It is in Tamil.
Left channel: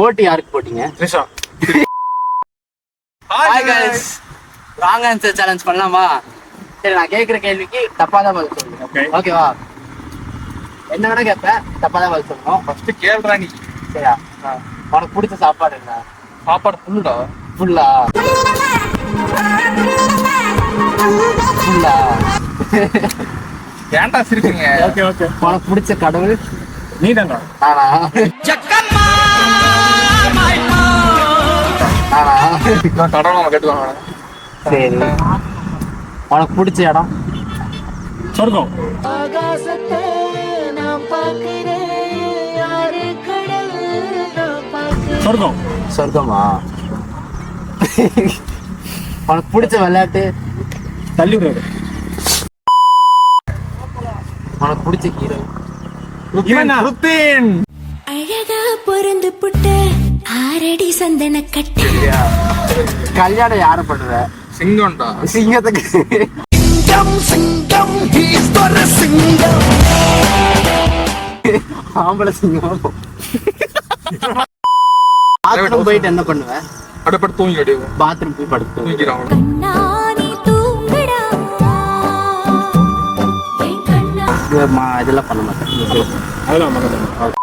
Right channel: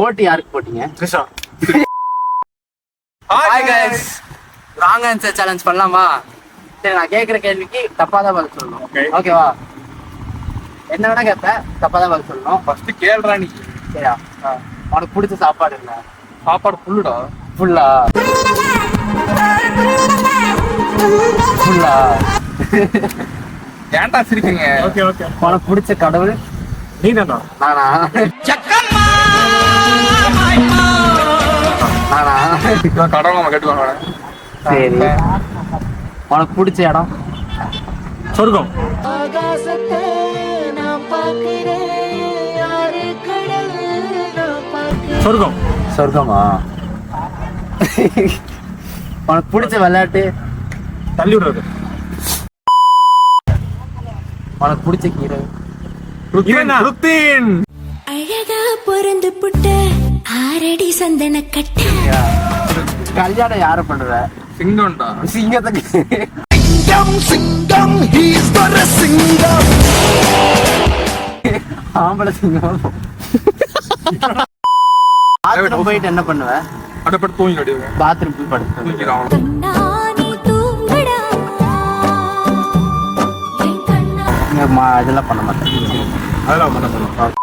ஓட்டு யாருக்கு போட்டீங்க? Trisha. Hi guys, wrong answer challenge பண்ணலாமா? சரி, நான் கேட்குற கேள்விக்கு தப்பா தான் பதில் சொல்லணும். ஓகேவா? என்ன வேணா கேட்பேன், தப்பா தான் பதில் சொல்லணும். ஃபர்ஸ்ட் கேள்றா நீ. சரியா? உனக்கு பிடிச்ச சாப்பாடு என்ன? சாப்பாடு ஃபுல்லுடா. ஃபுல்லா? ஃபுல்லா? ஏன்டா சிரிக்கீங்க? உனக்கு பிடிச்ச கடவுள்? நீதானா? நானா? நானா? நான் கடவுளை கட்டுவாங்க. சரி, உனக்கு பிடிச்ச இடம்? சொர்க்கம். ஆகாசத்தை நான் பார்க்கிறேன், யாரு கடல் நான் பார்க்கிறேன். சொர்க்கம். சொர்க்கமா? உனக்கு பிடிச்ச விளையாட்டு? தள்ளி விடுறது. உனக்கு பிடிச்ச ஹீரோ? ருத்தீன். அழகா பொருந்து புட்ட ஆரடி சந்தன கட்ட. கல்யாணம் யாரை பண்ணுவ? சிங்கம்டா. சிங்கத்துக்கு. ஆம்பளை சிங்கம். பாத்ரூம் போயிட்டு என்ன பண்ணுவ? அடுப்பட்டு தூங்கிடு. பாத்ரூம் போய் படுத்து தூங்கிடுவான். நானே தூங்கடா என் கண்ணா. இதெல்லாம் பண்ண மாட்டேன். அதெல்லாம்